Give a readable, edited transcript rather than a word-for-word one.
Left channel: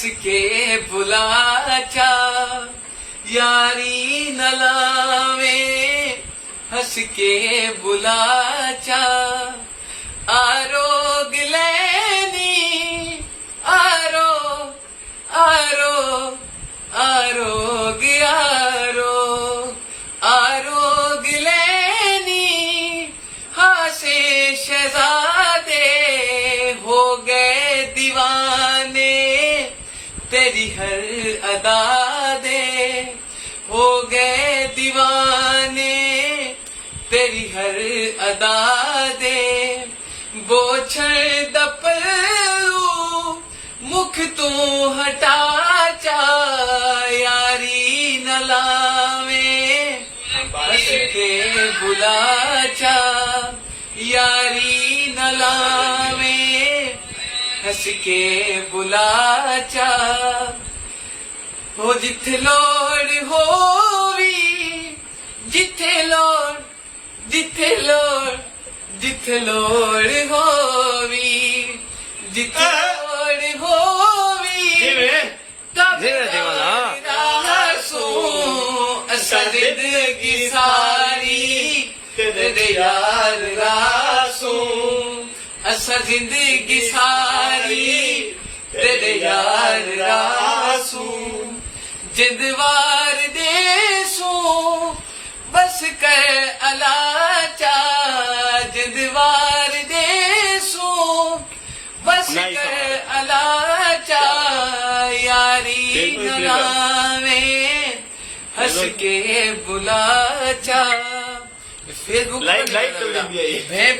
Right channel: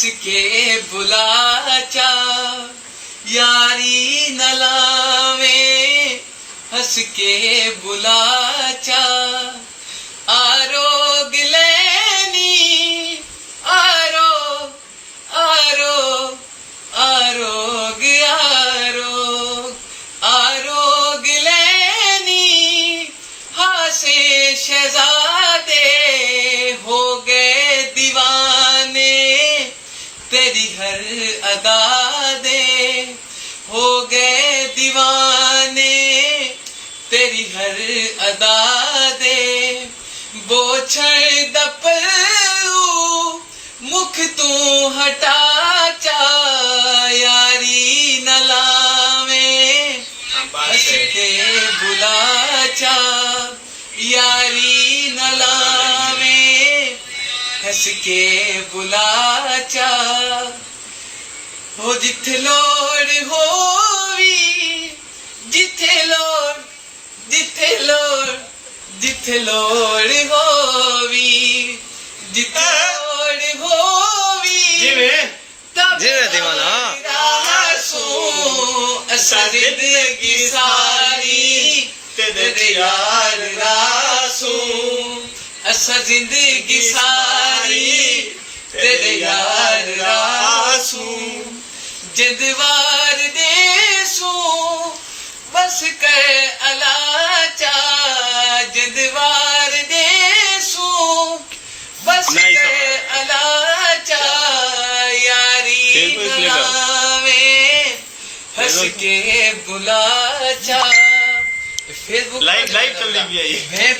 हंस के बुला चा यारी न लावे हंस के बुला चा आरोग लेनी आरो आरो आरोग आरोग आरोग लेनी हासे शहजादे हो गए दीवाने तेरी हर अदा दे हो गए दीवाने तेरी हर अदा दे बोछड़ दपलू मुख तू हटा चा यारी न लावे हंस के बुला चा यारी न लावे हंस के बुला चा हो जिथे लोड़ होवी जिथे लोड़ जिथे लोड़ जिथे लोड़ होवी जिथे लोड़ होवी जिवे दीवाना असा जिंदगी सारी तेरे यार रासू असा जिंदगी सारी तेरे यार रासू जिंदवार देसू बस कर अलाचा जिंदवार देसू बस कर अलाचा यारी नामे हंस के बुलाचा फेसबुक लाइव चल रही है ये।